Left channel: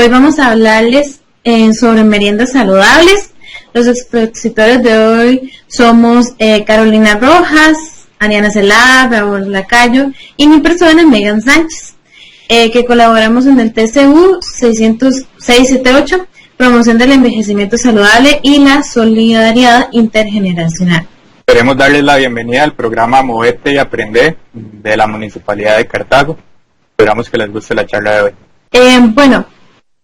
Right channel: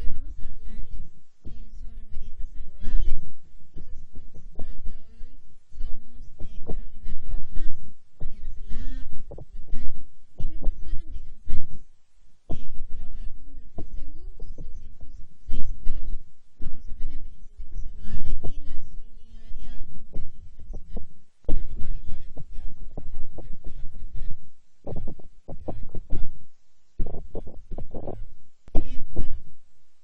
Hoy vamos a hablarles sobre meriendas saludables. Los expositores de hoy somos Carolina Rojas, Ariana Celada, Raúl Lacayo y mi persona, Megan Sánchez, que colaboramos en el TCU 678, promoción del envejecimiento saludable y la solidaridad intergeneracional. Queremos darles la bienvenida al programa Movete y Aprende de la Municipalidad de Cartago. Esperamos que les guste la charla de hoy. Bueno,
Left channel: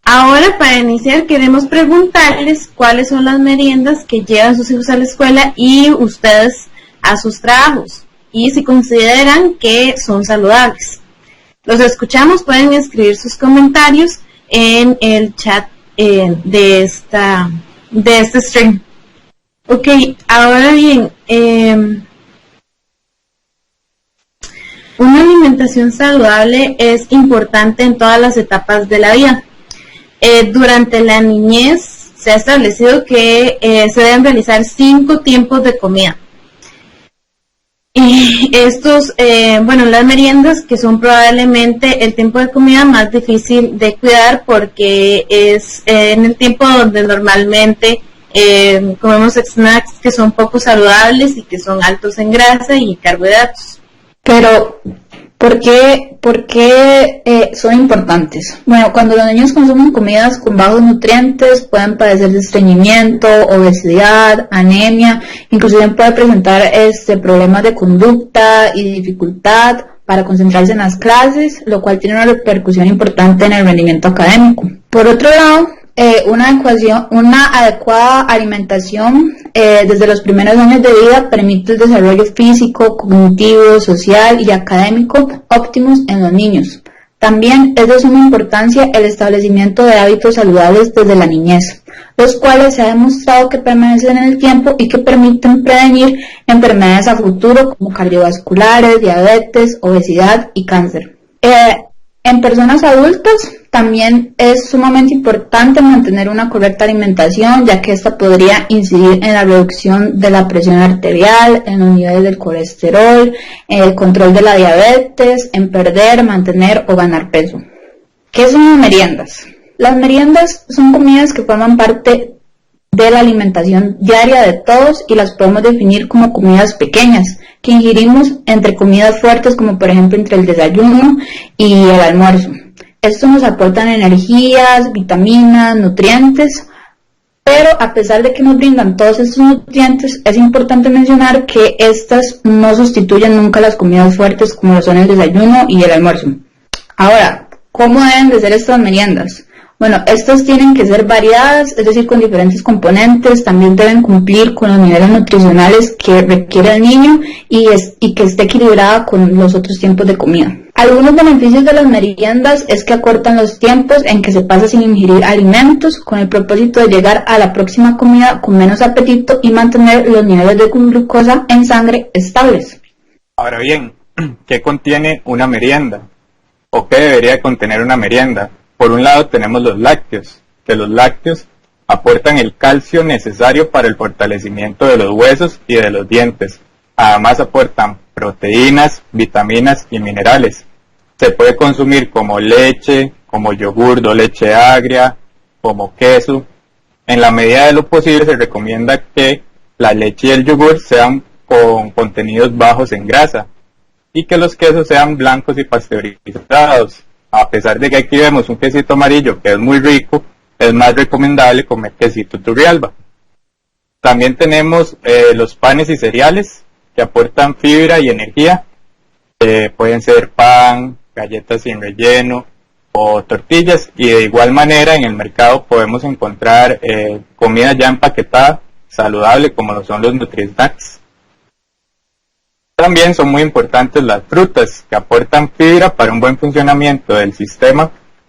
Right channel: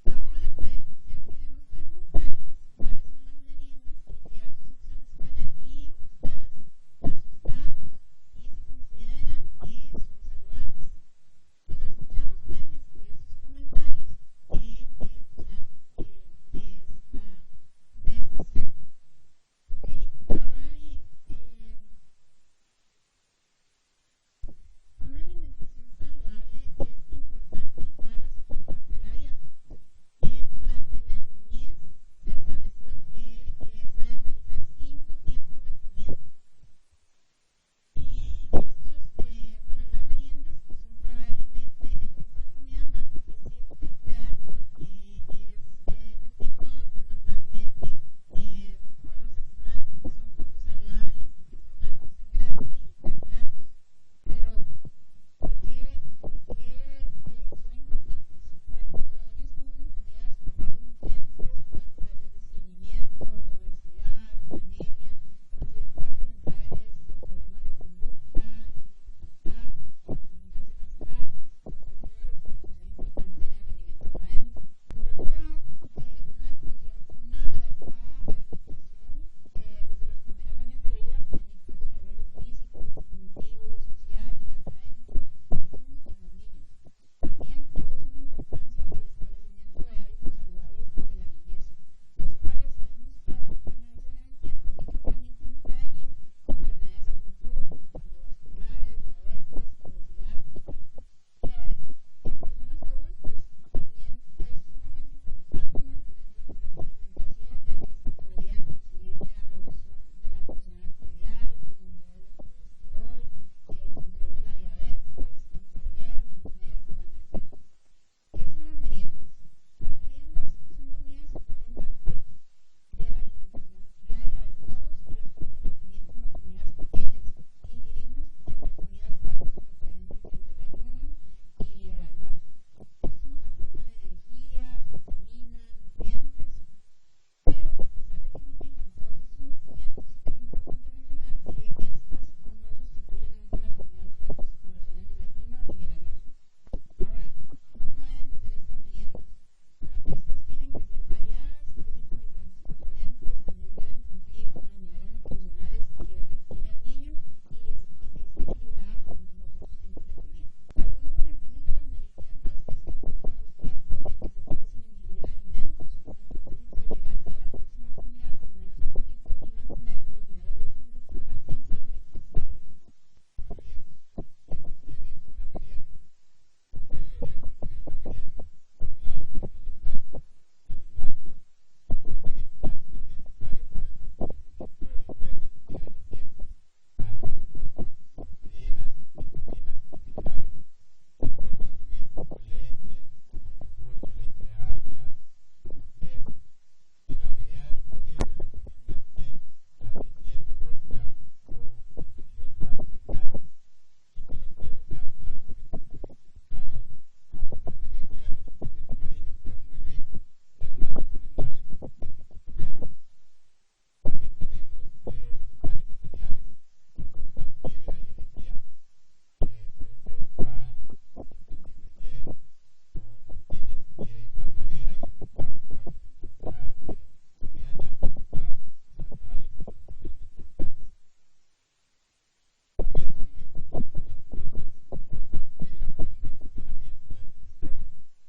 ahora para iniciar queremos preguntarles cuáles son las meriendas que llevan sus hijos a la escuela y ustedes a sus trabajos y si consideran que son saludables. Los escuchamos, pueden escribir sus comentarios en el chat de este stream. Ok, ahora bien, una alimentación saludable es importante en todas las etapas de la vida. Durante la niñez se ha establecido que se deben realizar 5 tiempos de comida. Y las meriendas, que son probablemente el tiempo de comida más difícil de cuidar porque es en el tiempo donde normalmente comemos snacks que son poco saludables y que son altos en grasa y carbohidratos. Pero, ¿por qué son importantes? Bueno, cuando los niños consumen comidas con bajos nutrientes, pueden padecer de estreñimiento, obesidad, anemia, inclusive puede presentar problemas de conducta y dificultad para concentrarse en las clases, lo cual tiene una repercusión importante en el rendimiento académico. Por otro lado, una adecuada alimentación desde los primeros años de vida permite el desarrollo físico, cognitivo, social y académico óptimos en los niños. También es de suma importancia el establecimiento de hábitos saludables desde la niñez, los cuales se ha demostrado que permanecen en el tiempo y que permiten prevenir enfermedades a futuro como cardiovasculares, diabetes, obesidad y cáncer. En personas adultas también es sumamente importante mantener una correcta alimentación, ya que esta podría incidir en la reducción de la presión arterial, en los niveles del colesterol, en el control de la diabetes, en perder, mantener o ganar peso. ¿Qué son las meriendas? Las meriendas son comidas que forman parte de la alimentación diaria de todos y las podemos definir como comidas pequeñas que ingerimos entre comidas fuertes, como por ejemplo entre el desayuno y el almuerzo. Estos nos aportan energías, vitaminas, nutrientes, pero a pesar de que nos brindan todos estos nutrientes, es importante mencionar que estas no sustituyen nunca las comidas fuertes como lo son el desayuno y el almuerzo. Ahora, ¿cómo deben de ser estas meriendas? Bueno, estas tienen que ser variadas, es decir, con diferentes componentes, también deben cumplir con los niveles nutricionales que requiere el niño y que esté equilibrada con los otros tiempos de comida. Algunos beneficios de las meriendas es que acortan los tiempos en que se pasa sin ingerir alimentos con el propósito de llegar a la próxima comida con menos apetito y mantener los niveles de glucosa en sangre estables. Ahora bien, ¿qué contiene una merienda? ¿O qué debería contener una merienda? Por un lado tenemos los lácteos, que los lácteos aportan el calcio necesario para el fortalecimiento de los huesos y de los dientes. Además aportan proteínas, vitaminas y minerales. Se puede consumir como leche, como yogur o leche agria, como queso. En la medida de lo posible se recomienda que la leche y el yogur sean con contenidos bajos en grasa y que los quesos sean blancos y pasteurizados. A pesar de que aquí vemos un quesito amarillo que es muy rico, es más recomendable comer quesito Turrialba. También tenemos los panes y cereales que aportan fibra y energía. Pueden ser pan, galletas sin relleno o tortillas. Y de igual manera en el mercado podemos encontrar comida ya empaquetada, saludable, como lo son los Nutri-Snacks. También son muy importantes las frutas, que aportan fibra para un buen funcionamiento del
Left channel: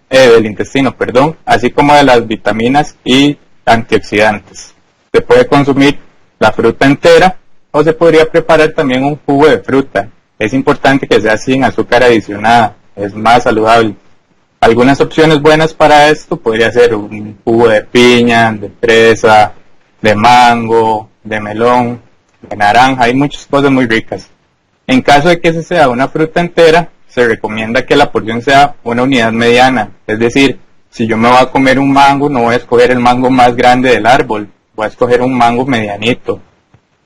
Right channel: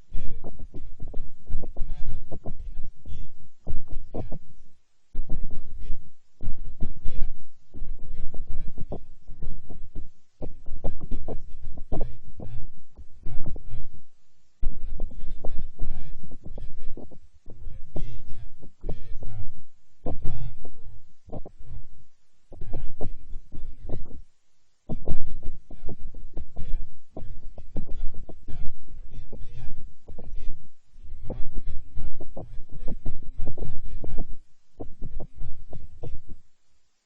del intestino, así como de las vitaminas y antioxidantes. Se puede consumir la fruta entera o se podría preparar también un jugo de fruta. Es importante que sea sin azúcar adicionada, es más saludable. Algunas opciones buenas para esto podría ser un jugo de piña, de fresa, de mango, de melón, de naranja, hay muchas cosas muy ricas. En caso de que se sea una fruta entera, se recomienda que la porción sea una unidad mediana, es decir, si yo me voy a comer un mango, no voy a escoger el mango más grande del árbol, voy a escoger un mango medianito.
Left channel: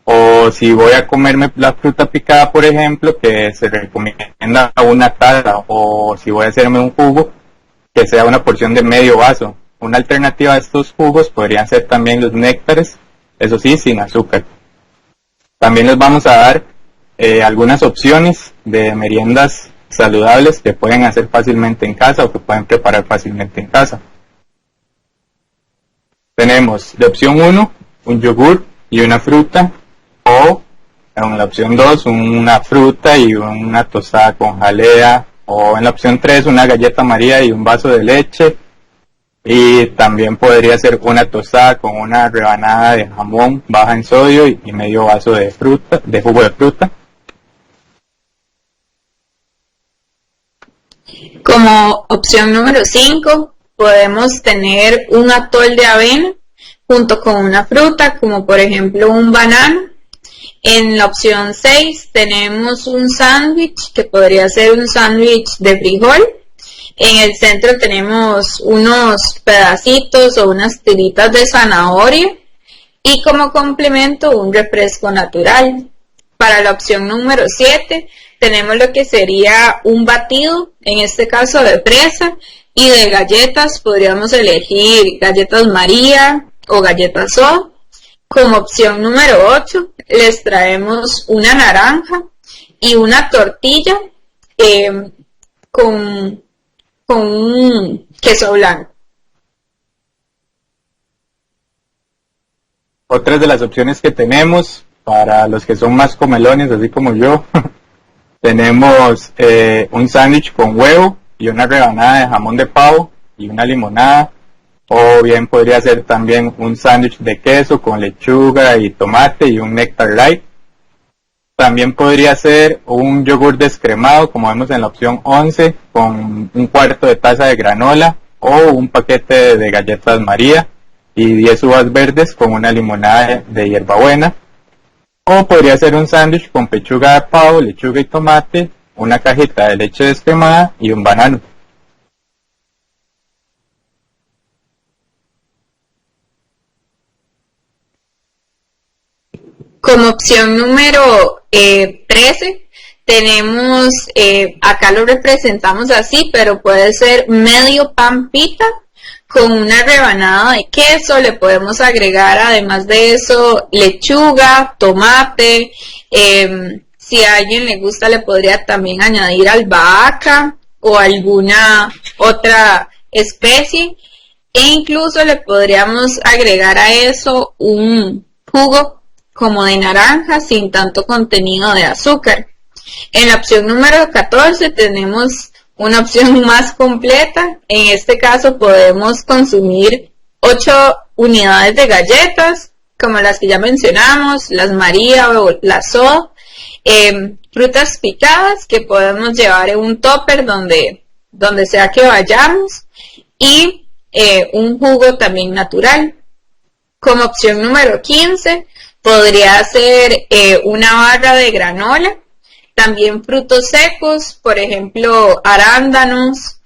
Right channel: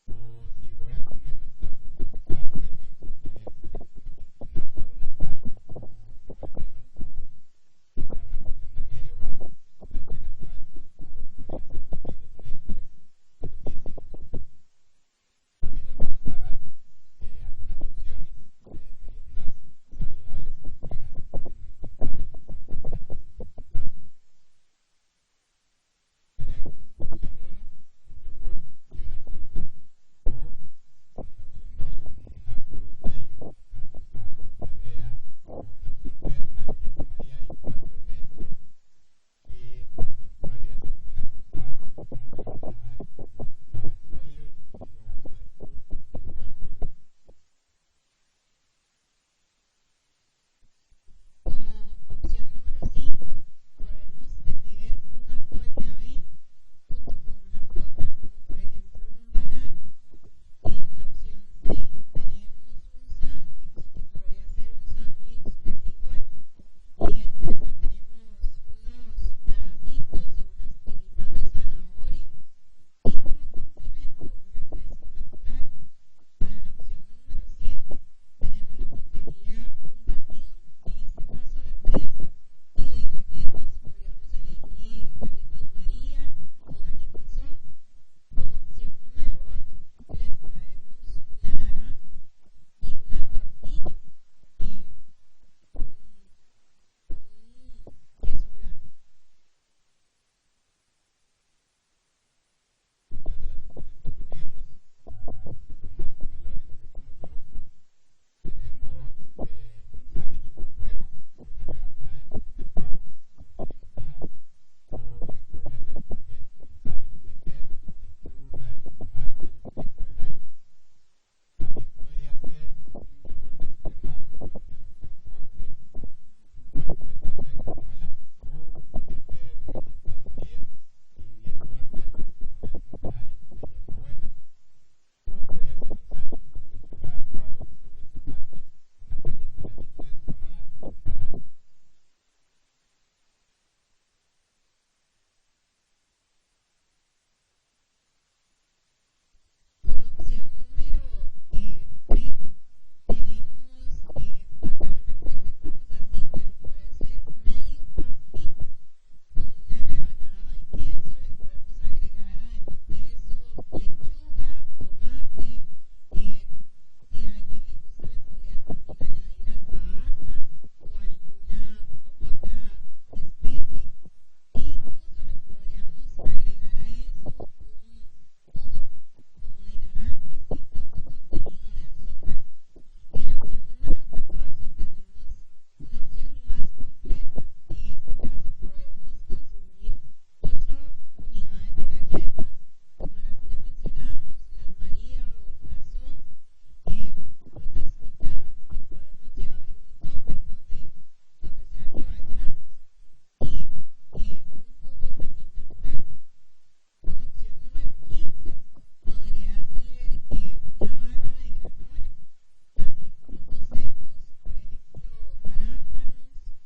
O si voy a comerme la fruta picada, por ejemplo, que se recomienda una taza, o si voy a hacerme un jugo, que sea una porción de medio vaso. Una alternativa a estos jugos podrían ser también los néctares, eso sí, sin azúcar. También les vamos a dar algunas opciones de meriendas saludables que pueden hacer fácilmente en casa o que pueden preparar fácilmente en casa. Tenemos de opción 1, un yogur y una fruta, o en la opción 2, una fruta y una tostada con jalea, o en la opción 3, una galleta María y un vaso de leche, y también podría ser una tostada con una rebanada de jamón baja en sodio y medio vaso de jugo de fruta. Como opción número 5, podemos tener un atol de avena junto con una fruta, como por ejemplo un banano. En la opción 6 tenemos un sándwich, que podría ser un sándwich de frijol. En el centro tenemos unos pedacitos o unas tiritas de zanahoria. Y como complemento, un refresco natural. Para la opción número 7 tenemos lo que sería un batido, en este caso de fresa, y de galletas podríamos elegir galletas María o galletas soda. Como opción número 8 les traemos una naranja y una tortilla con un queso blanco. Otras de las opciones que tenemos para los que son más comelones, así como yo, tenemos un sándwich con huevo y una rebanada de jamón de pavo y una limonada. O bien podría ser también un sándwich de queso con lechuga y tomate y un néctar light. También podría ser un yogur descremado, como vemos en la opción 11, con un cuarto de taza de granola, o un paquete de galletas María y 10 uvas verdes con una limonada de hierbabuena. O podría ser un sándwich con pechuga de pavo, lechuga y tomate, una cajita de leche descremada y un banano. Como opción número 13 tenemos, acá lo representamos así, pero puede ser medio pan pita con una rebanada de queso. Le podemos agregar además de eso lechuga, tomate, si a alguien le gusta le podría también añadir albahaca o alguna otra especie, e incluso le podríamos agregar a eso un jugo como de naranja sin tanto contenido de azúcar. En la opción número 14 tenemos una opción más completa. En este caso podemos consumir 8 unidades de galletas, como las que ya mencionamos, las María o las soda, frutas picadas que podemos llevar en un tupper donde sea que vayamos, y un jugo también natural. Como opción número 15 podría ser una barra de granola, también frutos secos, por ejemplo arándanos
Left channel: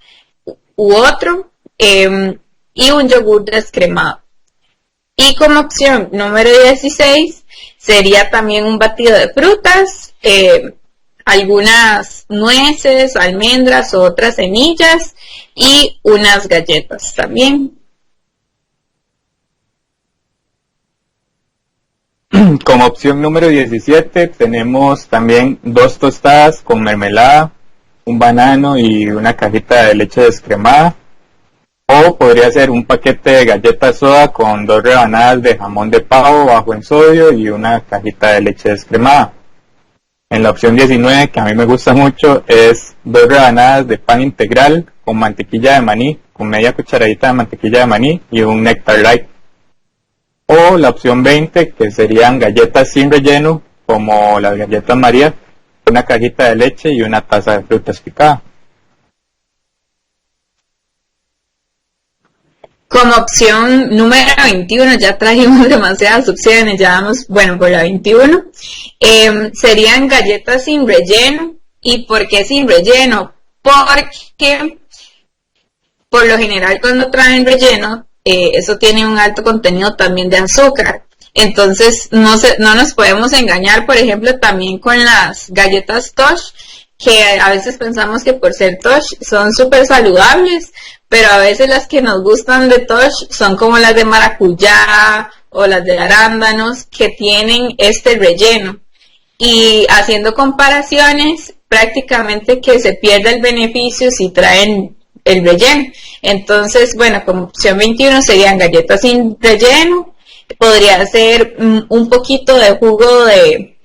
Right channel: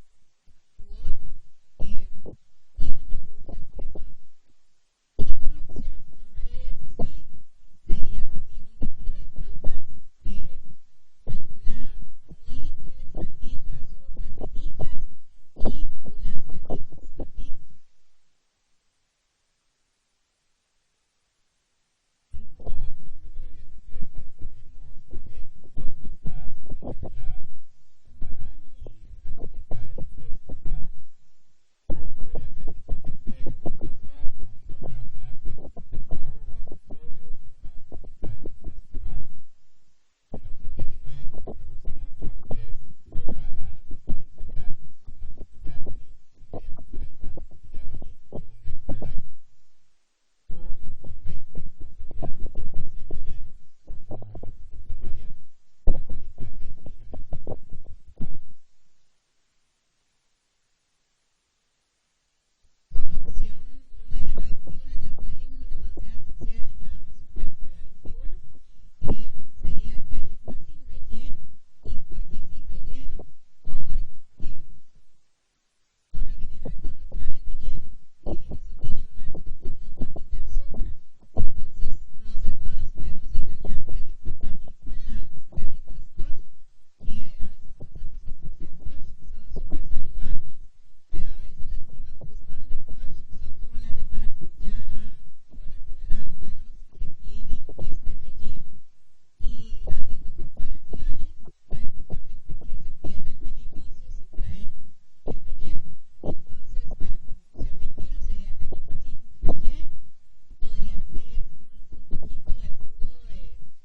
u otro, y un yogur descremado. Y como opción número 16 sería también un batido de frutas, algunas nueces, almendras o otras semillas, y unas galletas también. Como opción número 17 tenemos también 2 tostadas con mermelada, un banano y una cajita de leche descremada. O podría ser un paquete de galletas soda con 2 rebanadas de jamón de pavo bajo en sodio y una cajita de leche descremada. En la opción 19, que a mí me gusta mucho, es 2 rebanadas de pan integral con mantequilla de maní, con media cucharadita de mantequilla de maní y un néctar light. O la opción 20, que serían galletas sin relleno, como las galletas María, una cajita de leche y una taza de frutas picadas. Como opción número 21, ya trajimos demasiadas opciones, ya vamos, bueno, por la 21, serían galletas sin relleno. ¿Y por qué sin relleno? Porque por lo general cuando traen relleno, eso tiene un alto contenido también de azúcar. Entonces no nos podemos engañar, por ejemplo, también con las galletas Tosh, que a veces pensamos que por ser Tosh son súper saludables, pero a veces las que nos gustan de Tosh son como las de maracuyá o las de arándanos, que tienen este relleno. Y haciendo comparaciones, prácticamente que se pierde el beneficio si traen el relleno. Entonces, bueno, como opción 21 serían galletas sin relleno. Podría ser un poquito de jugo de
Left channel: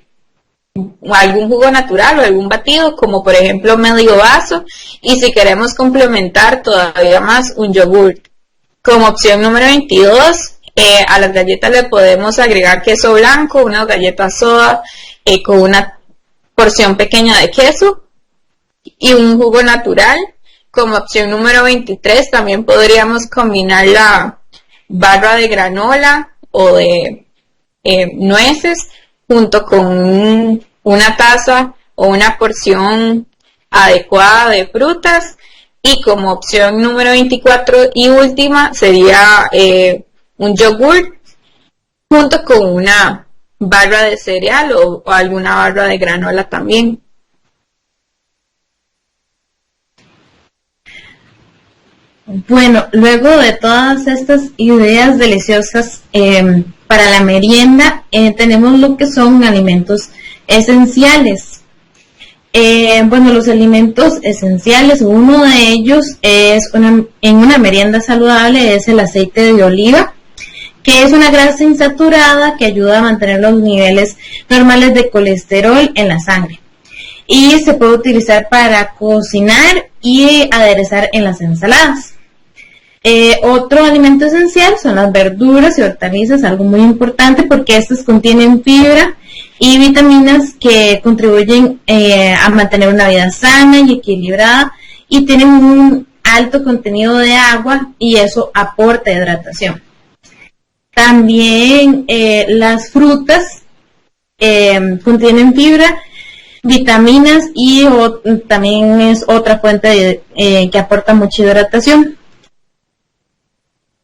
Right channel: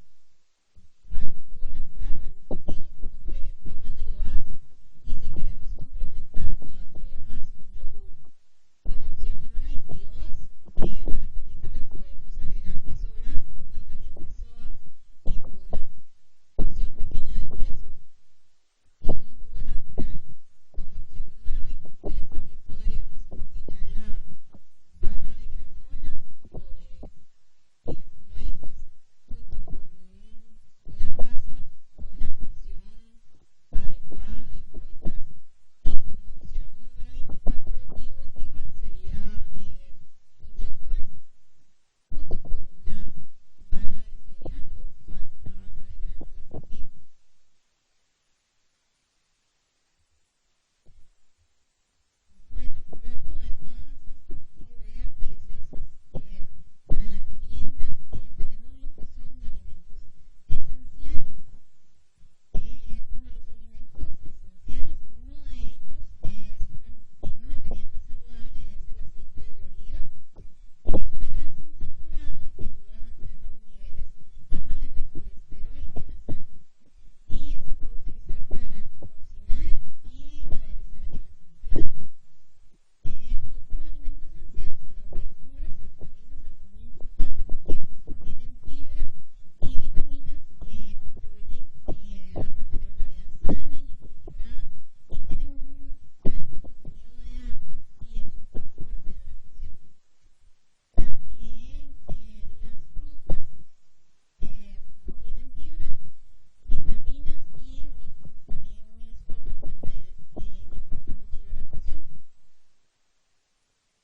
algún jugo natural o algún batido, como por ejemplo medio vaso, y si queremos complementar todavía más, un yogur. Como opción número 22, a las galletas le podemos agregar queso blanco, unas galletas soda con una porción pequeña de queso y un jugo natural. Como opción número 23 también podríamos combinar la barra de granola o de nueces junto con una taza o una porción adecuada de frutas. Y como opción número 24 y última sería un yogur junto con una barra de cereal o alguna barra de granola también. Bueno, luego de todas estas ideas deliciosas para la merienda, tenemos lo que son alimentos esenciales. Bueno, los alimentos esenciales, uno de ellos es en una merienda saludable, es el aceite de oliva, que es una grasa insaturada que ayuda a mantener los niveles normales de colesterol en la sangre. Y se puede utilizar para cocinar y aderezar en las ensaladas. Otro alimento esencial son las verduras y hortalizas, algo muy importante porque estas contienen fibra y vitaminas que contribuyen a mantener una vida sana y equilibrada, y tienen un alto contenido de agua y eso aporta hidratación. También las frutas contienen fibra, vitaminas y también es otra fuente que aporta mucha hidratación.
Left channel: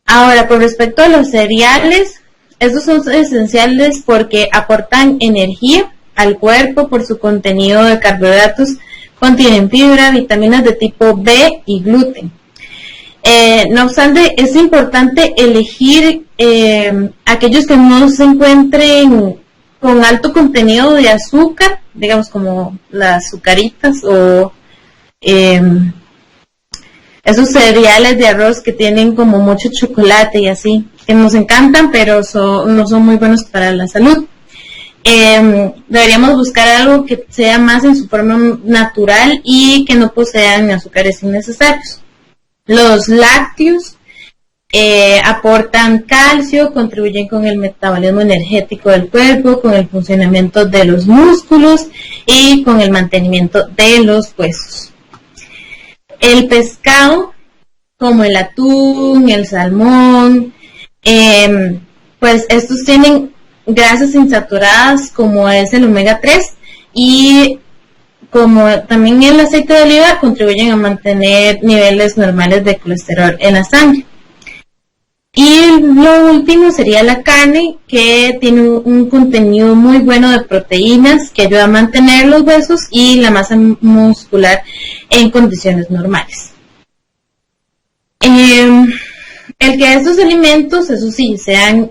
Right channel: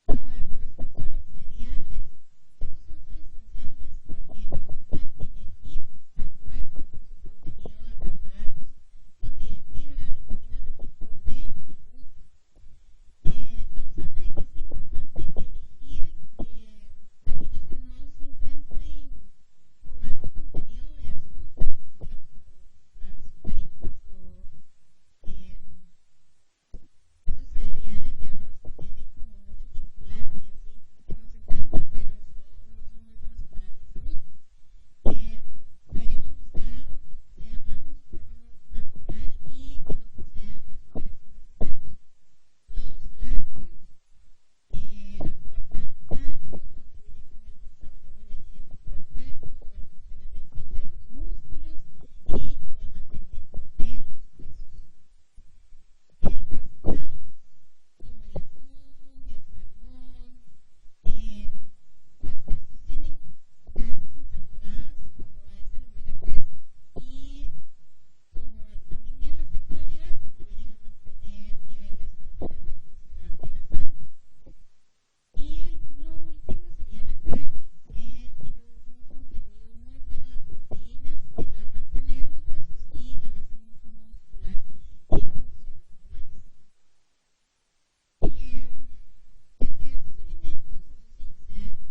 Ahora, con respecto a los cereales, estos son esenciales porque aportan energía al cuerpo por su contenido de carbohidratos, contienen fibra, vitaminas de tipo B y gluten. No obstante, es importante elegir aquellos que no se encuentren con alto contenido de azúcar, digamos como las azucaritas o esos cereales de arroz que tienen como mucho chocolate y así, que nos encantan, pero no son muy buenos para la salud. Deberíamos buscar algo que sea más en su forma natural y que no posean azúcares innecesarios. Los lácteos aportan calcio, contribuyen con el metabolismo energético del cuerpo, con el funcionamiento de los músculos y con el mantenimiento de los huesos. El pescado, como el atún, el salmón, pues estos tienen grasas insaturadas como es el omega 3, y como también el aceite de oliva contribuyen a mantener niveles normales de colesterol en la sangre. Y lo último sería la carne, que tiene un contenido muy bueno de proteínas que ayuda a mantener los huesos y la masa muscular en condiciones normales. El que estos alimentos, eso sí, sean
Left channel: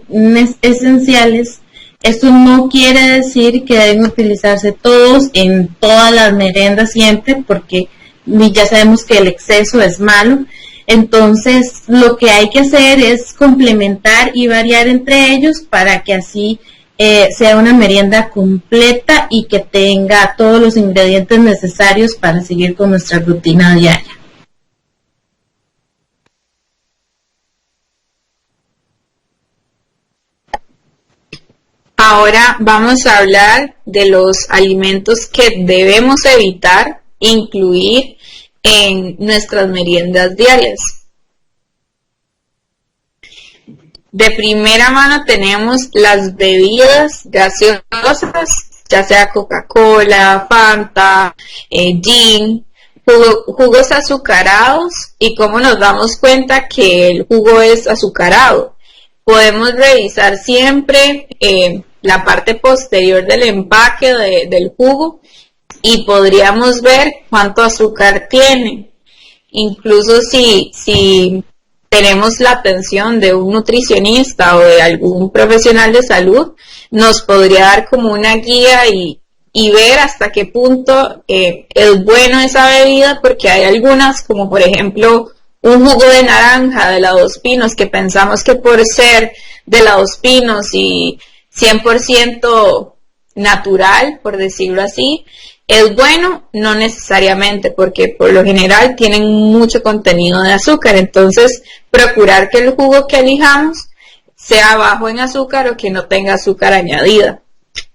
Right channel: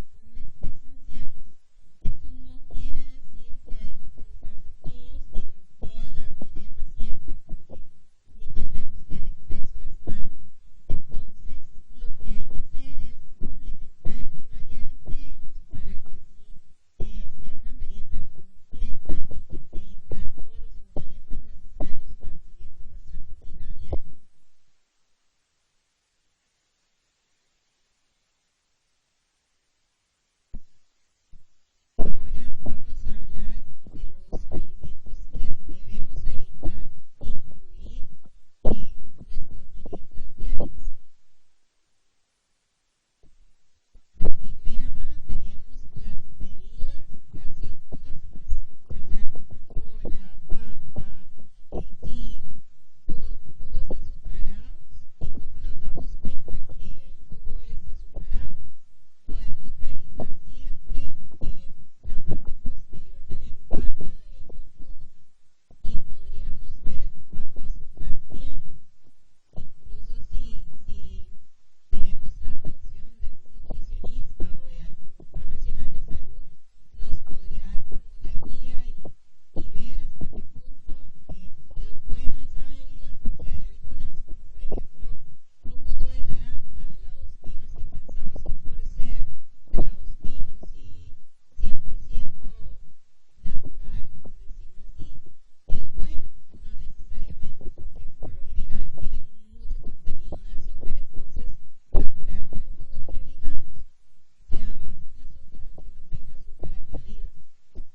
esenciales, esto no quiere decir que deben utilizarse todos en todas las meriendas siempre, porque ya sabemos que el exceso es malo. Entonces, lo que hay que hacer es complementar y variar entre ellos para que así sea una merienda completa y que tenga todos los ingredientes necesarios para seguir con nuestra rutina diaria. Ahora vamos a hablar de los alimentos que debemos evitar incluir en nuestras meriendas diarias. De primera mano tenemos las bebidas gaseosas, ya sea Coca-Cola, Fanta, gin, jugos azucarados y cómo nos damos cuenta que el jugo es azucarado. Podemos revisar siempre la parte posterior del empaque del jugo y podríamos ver cuánto azúcar tiene. Incluso si tenemos la atención de un nutricionista o de algún profesional de salud, nos podría dar como una guía y ver hasta qué punto es bueno esa bebida, porque hay algunas, como por ejemplo un jugo de naranja de la Dos Pinos, que pensamos que por ser de la Dos Pinos y 100% natural, por decirlo así, es bueno. No necesariamente, porque por lo general tienen mucho contenido de azúcar. Entonces, procurar que el jugo que elijamos sea bajo en azúcar o que no tenga azúcar añadida.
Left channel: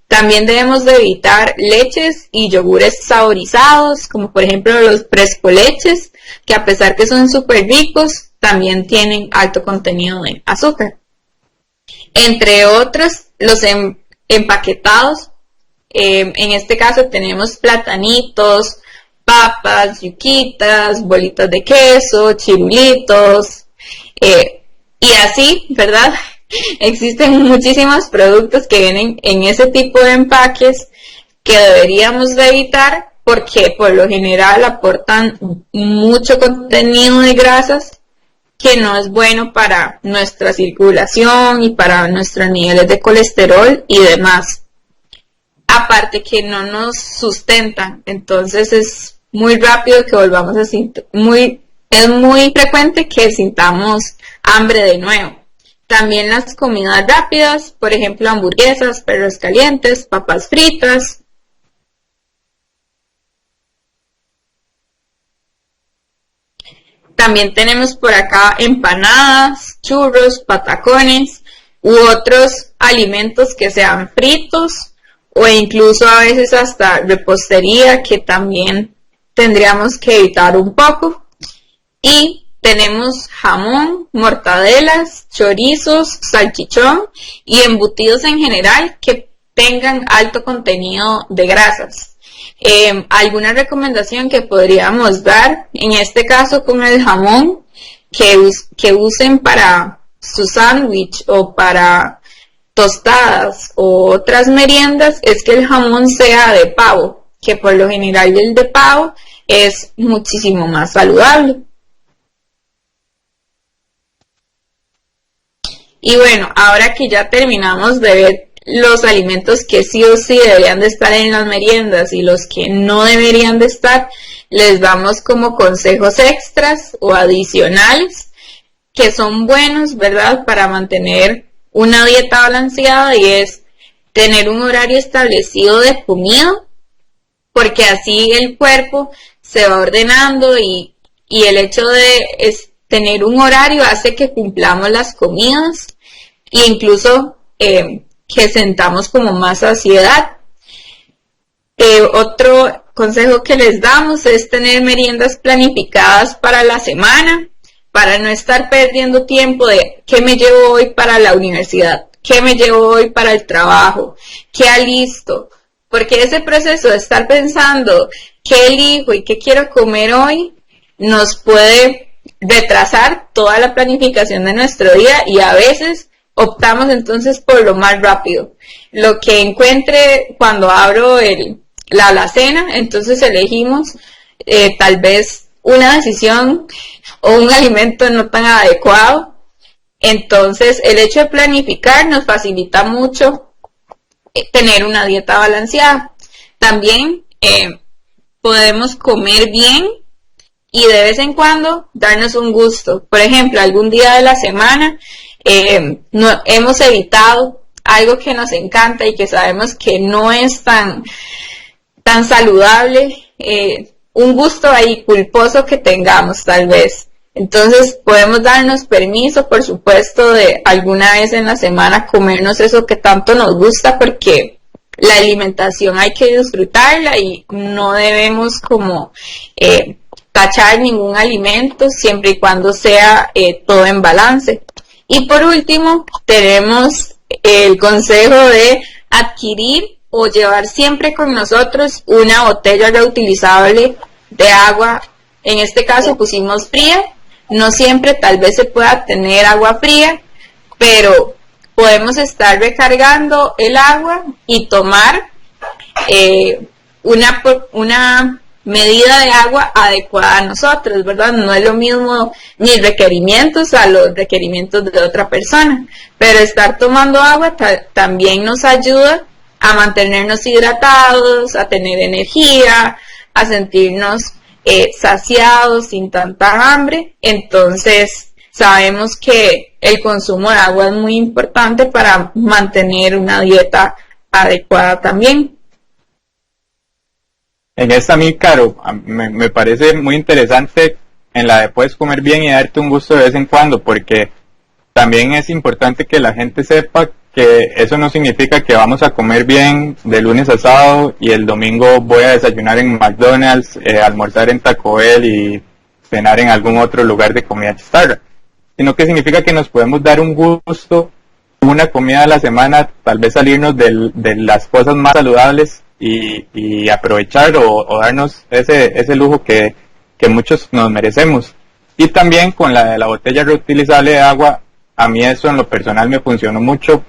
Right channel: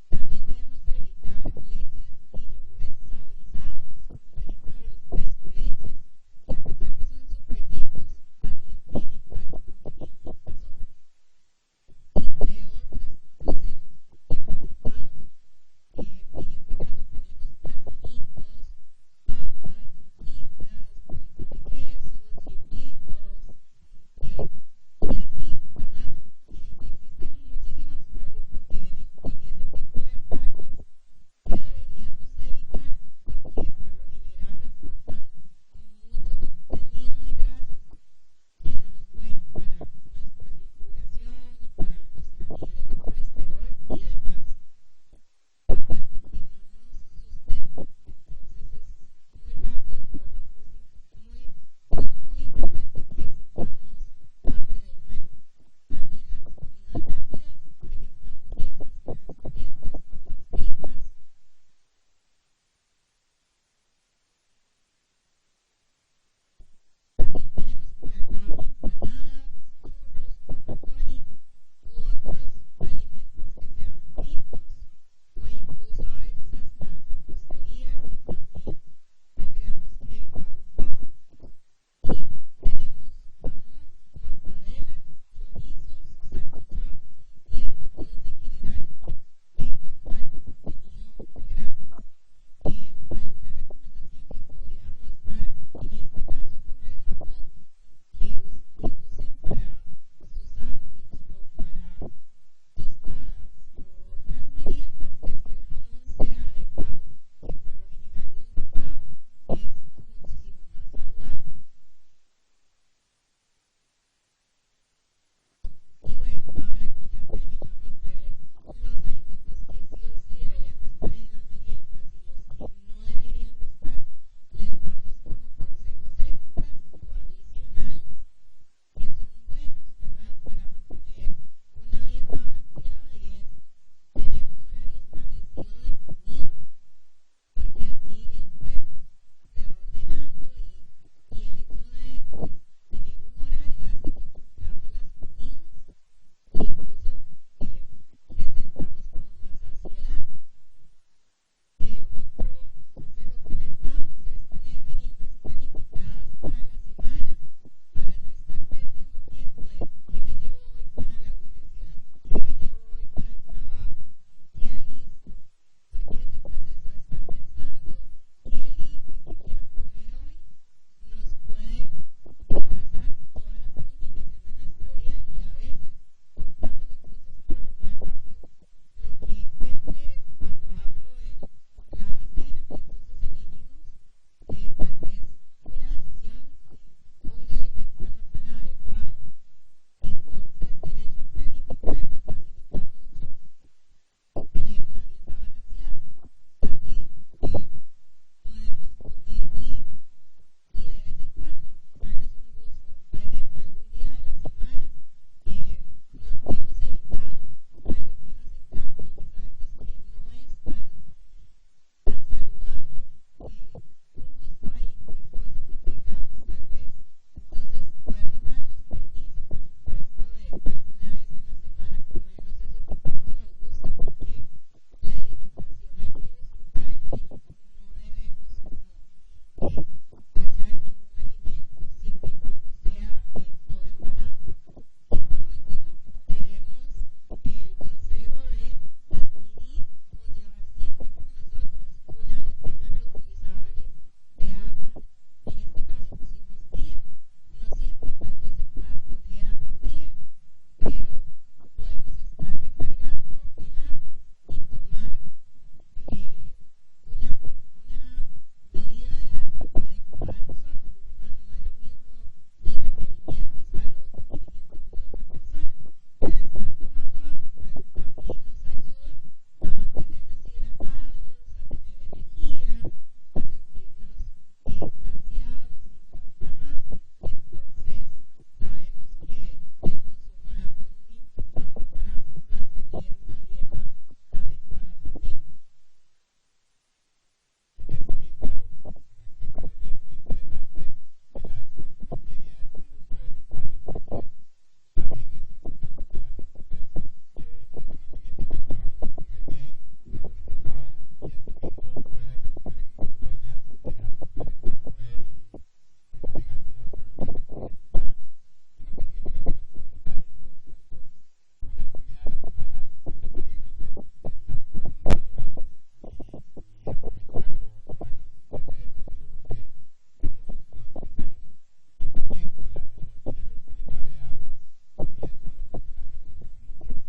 También debemos de evitar leches y yogures saborizados, como por ejemplo los frescoleches, que a pesar que son súper ricos, también tienen alto contenido de azúcar. Entre otros, los empaquetados. En este caso tenemos platanitos, papas, yuquitas, bolitas de queso, chirulitos, y así, ¿verdad? Existen muchísimos productos que vienen en ese tipo de empaques que deberíamos de evitar, porque por lo general aportan mucho contenido de grasas que no es bueno para nuestra circulación y para nuestros niveles de colesterol y demás. Aparte que no nos sustentan, entonces es muy rápido que volvamos a es muy frecuente que sintamos hambre de nuevo. También las comidas rápidas, por ejemplo hamburguesas, perros calientes, papas fritas. También tenemos por acá empanadas, churros, patacones u otros alimentos que sean fritos, o incluso a veces hasta repostería, que también tendríamos que evitar un poco. Y tenemos jamón, mortadelas, chorizos, salchichón y embutidos en general que tengan alto contenido de grasas. Alguna recomendación que podríamos dar, en este caso con el jamón, que usen para su sándwich o para tostadas o otras meriendas, es que el jamón sea de pavo, que por lo general el de pavo es muchísimo más saludable. Y bueno, ahora que ya terminamos de ver los alimentos que sí o sí deberían de estar en las meriendas y los que no deberían de estar, les damos como consejos extras o adicionales que son buenos, ¿verdad?, para mantener una dieta balanceada, y es tener un horario establecido de comida, porque así el cuerpo se va ordenando y el hecho de tener un horario hace que cumplamos las comidas e incluso que sentamos como más saciedad. Otro consejo que les damos es tener meriendas planificadas para la semana, para no estar perdiendo tiempo de qué me llevo hoy para la universidad, qué me llevo hoy para el trabajo, qué alisto, porque ese proceso de estar pensando qué elijo y qué quiero comer hoy nos puede retrasar toda la planificación de nuestro día, y a veces optamos entonces por lo más rápido, lo que encuentre cuando abro la alacena. Entonces elegimos tal vez una decisión o un alimento no tan adecuado. Entonces el hecho de planificar nos facilita mucho tener una dieta balanceada. También podemos comer bien y de vez en cuando darnos un gusto. Por ejemplo, algún día de la semana hemos evitado algo que nos encanta y que sabemos que no es tan saludable, un gusto ahí culposo que tengamos tal vez. Entonces podemos darnos permiso, por supuesto, de alguna vez en la semana comernos eso que tanto nos gusta, porque la alimentación hay que disfrutarla y no debemos como tachar ningún alimento, siempre y cuando sea todo en balance. Y por último, tenemos el consejo de adquirir o llevar siempre con nosotros una botella reutilizable de agua. En este caso pusimos fría. No siempre tal vez se pueda tener agua fría, pero podemos estar recargando el agua y tomar una medida de agua adecuada a nosotros, ¿verdad? No es lo mismo mis requerimientos a los requerimientos de otra persona, pero estar tomando agua también nos ayuda a mantenernos hidratados, a tener energía, a sentirnos saciados, sin tanta hambre. Entonces sabemos que el consumo de agua es muy importante para mantener una dieta adecuada también. En esta, a mí, Caro, me parece muy interesante en la de puedes comer bien y darte un gusto de vez en cuando, porque también es importante que la gente sepa que eso no significa que vamos a comer bien de lunes a sábado y el domingo voy a desayunar en McDonald's, almorzar en Taco Bell y cenar en algún otro lugar de comida chatarra, sino que significa que nos podemos dar un gusto, una comida a la semana, tal vez salirnos de las cosas más saludables y aprovechar o darnos ese lujo que muchos nos merecemos. Y también con la de la botella reutilizable de agua, a mí eso en lo personal me funcionó mucho,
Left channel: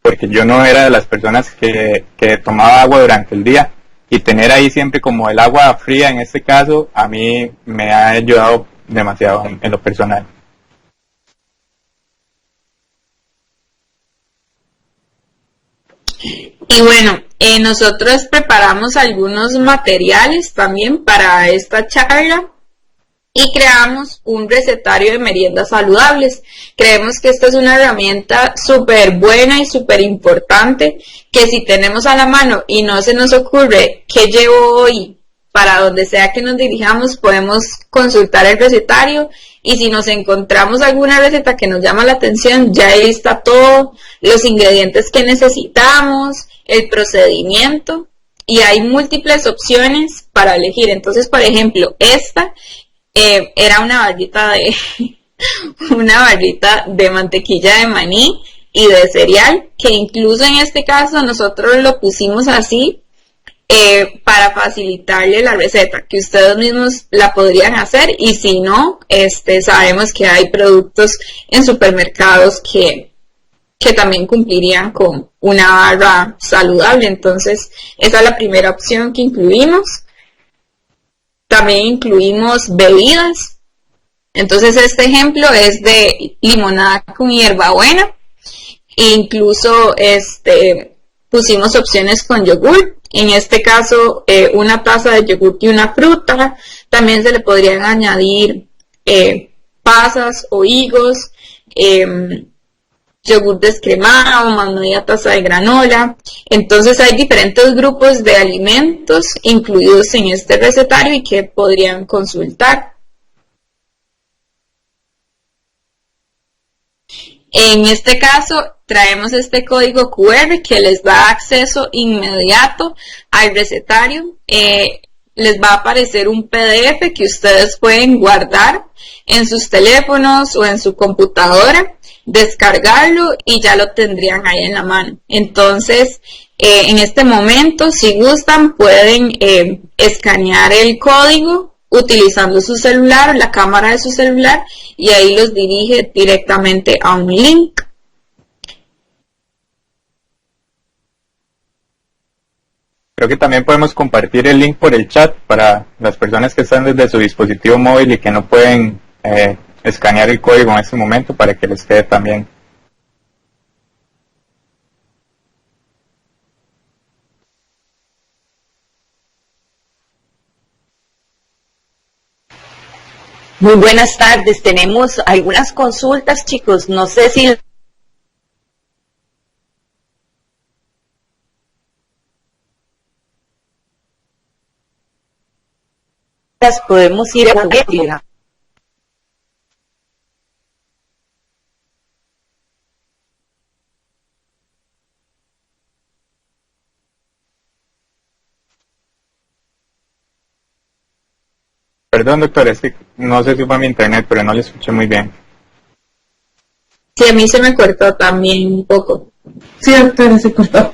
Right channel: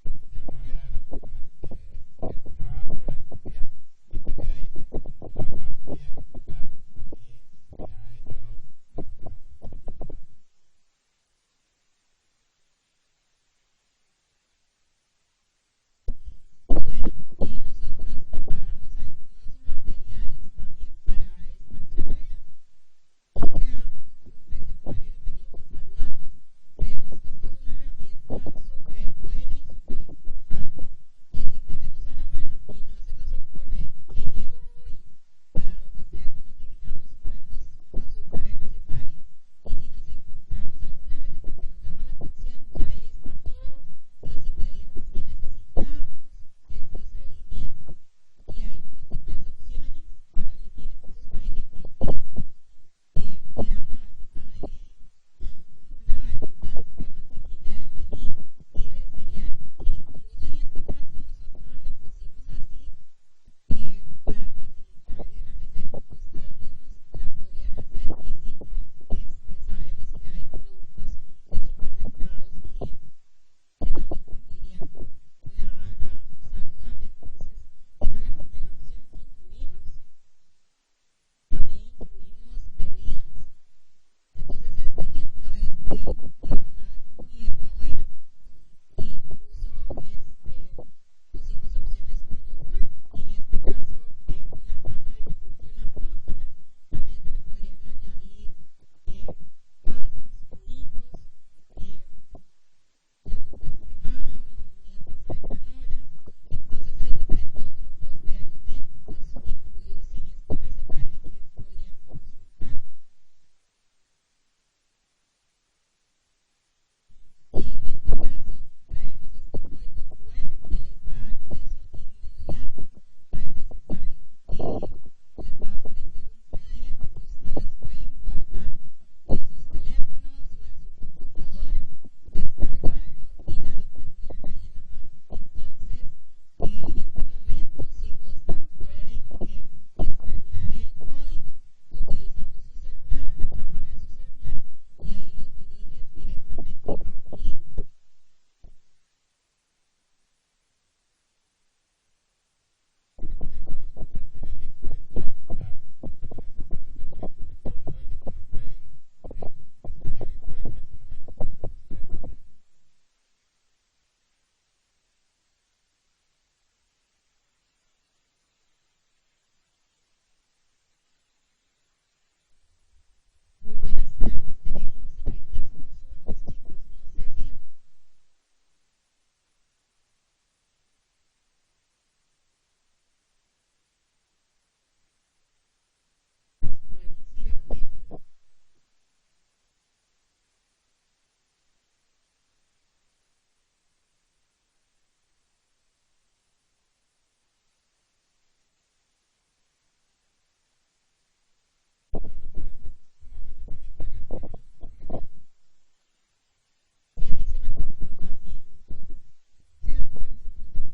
porque yo no era de las personas que tomaba agua durante el día, y tener ahí siempre como el agua fría en este caso, a mí me ha ayudado demasiado en lo personal. Y bueno, nosotros preparamos algunos materiales también para esta charla y creamos un recetario de meriendas saludables. Creemos que esta es una herramienta súper buena y súper importante, que si tenemos a la mano y no se nos ocurre qué llevo hoy, para donde sea que nos dirijamos, podemos consultar el recetario, y si nos encontramos alguna receta que nos llama la atención, ya ahí está todo, los ingredientes que necesitamos, el procedimiento, y hay múltiples opciones para elegir. Entonces, por ejemplo, esta era una barrita de mantequilla de maní y de cereal, que incluso en este caso nosotros lo pusimos así para facilitarle la receta, que ustedes mismos la podrían hacer, y si no, sabemos que hay productos en supermercados que también cumplirían con una barra saludable. Entonces esa es la primera opción que incluimos. También incluimos bebidas. Entonces este ejemplo es de limonada con hierbabuena. Incluso pusimos opciones con yogur. En este caso, una taza de yogur y una fruta. También se le podrían añadir pasas o higos, yogur descremado, más media taza de granola. Entonces hay diferentes grupos de alimentos incluidos en este recetario y que podrían consultar. En este caso traemos este código QR que les da acceso inmediato al recetario. Les va a aparecer un PDF que ustedes pueden guardar en sus teléfonos o en su computadora, descargarlo y ya lo tendrían ahí en la mano. Entonces, en este momento, si gustan, pueden escanear el código utilizando su celular, la cámara de su celular, y ahí los dirige directamente a un link. Creo que también podemos compartir el link por el chat para las personas que están desde su dispositivo móvil y que no pueden escanear el código en este momento, para que les quede también. Muy buenas tardes. Tenemos algunas consultas, chicos. No sé si las podemos ir a ver. Perdón, doctor, es que no sé si fue mi internet, pero no le escuché muy bien. Sí, a mí se me cortó también un poco. Sí, doctora, se cortó.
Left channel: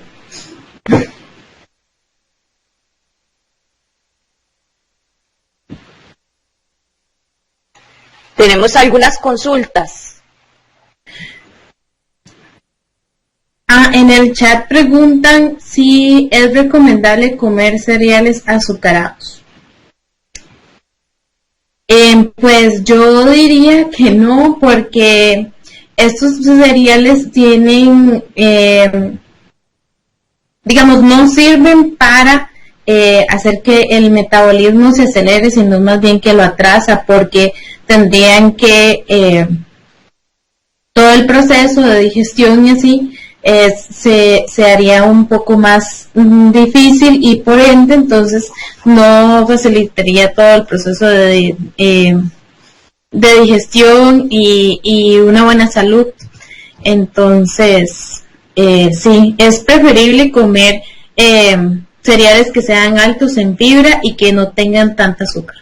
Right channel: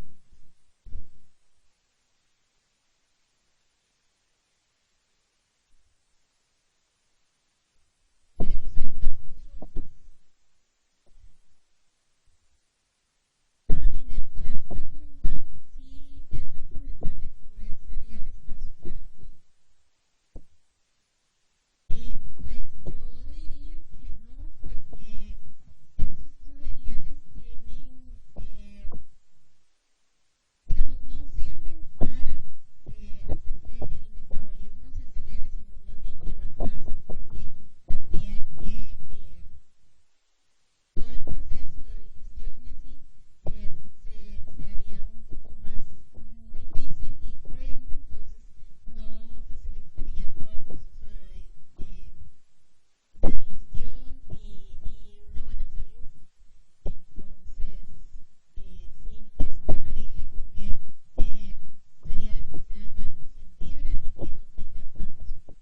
Tenemos algunas consultas. En el chat preguntan si es recomendable comer cereales azucarados. Pues yo diría que no, porque estos cereales tienen, digamos, no sirven para hacer que el metabolismo se acelere, sino más bien que lo atrasa, porque tendrían que todo el proceso de digestión y así se haría un poco más difícil, y por ende entonces no facilitaría todo el proceso de digestión y una buena salud. Entonces sí, es preferible comer cereales que sean altos en fibra y que no tengan tanta azúcar.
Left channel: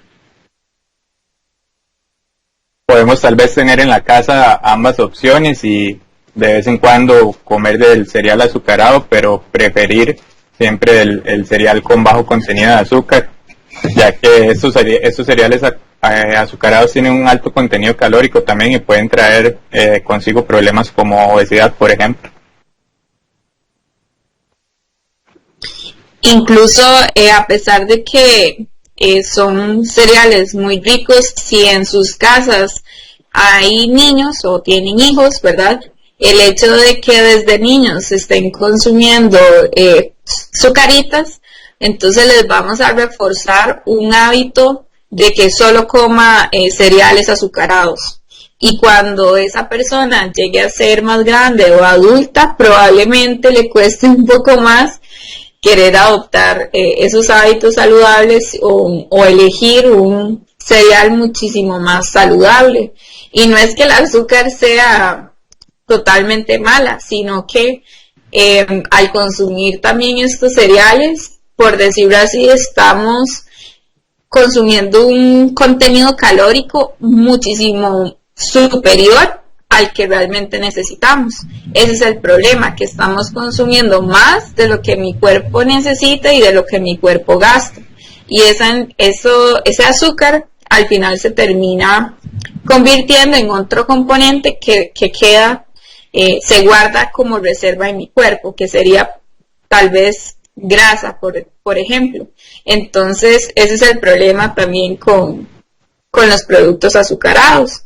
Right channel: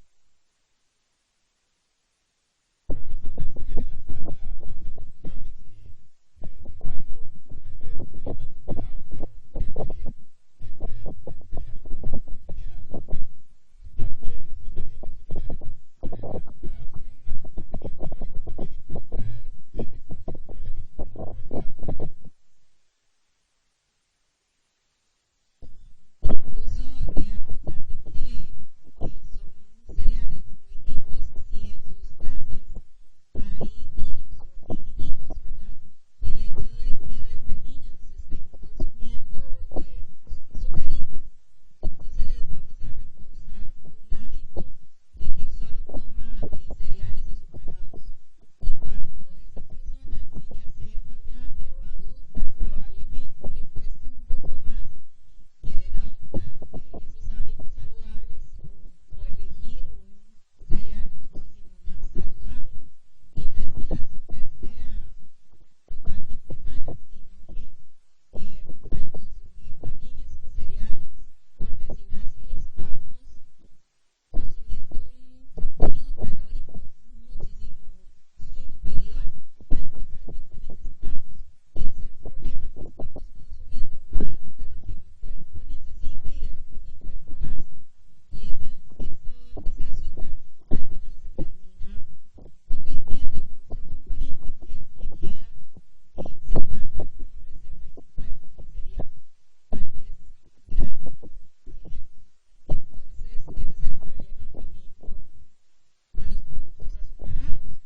Podemos tal vez tener en la casa ambas opciones y de vez en cuando comer del cereal azucarado, pero preferir siempre el cereal con bajo contenido de azúcar, ya que estos cereales azucarados tienen un alto contenido calórico también y pueden traer consigo problemas como obesidad, por ejemplo. Incluso a pesar de que son cereales muy ricos, si en sus casas hay niños o tienen hijos, ¿verdad? El hecho de que desde niños estén consumiendo sucaritas, entonces les vamos a reforzar un hábito de que solo coma cereales azucarados. Y cuando esa persona llegue a ser más grande o adulta, probablemente le cueste un poco más querer adoptar esos hábitos saludables o elegir un cereal muchísimo más saludable. Y no es que el azúcar sea totalmente mala, sino que al consumir también estos cereales, por decirlo así, estamos consumiendo un contenido calórico muchísimo superior al que realmente necesitamos. Ese es el problema, que estamos consumiendo más de lo que mi cuerpo necesita y de lo que mi cuerpo gasta. Y ese azúcar al final se termina convirtiendo en otro componente que queda, se guarda como reserva en mi cuerpo, que sería tal vez grasa, por ejemplo. Entonces, ese es el problema también con los productos azucarados.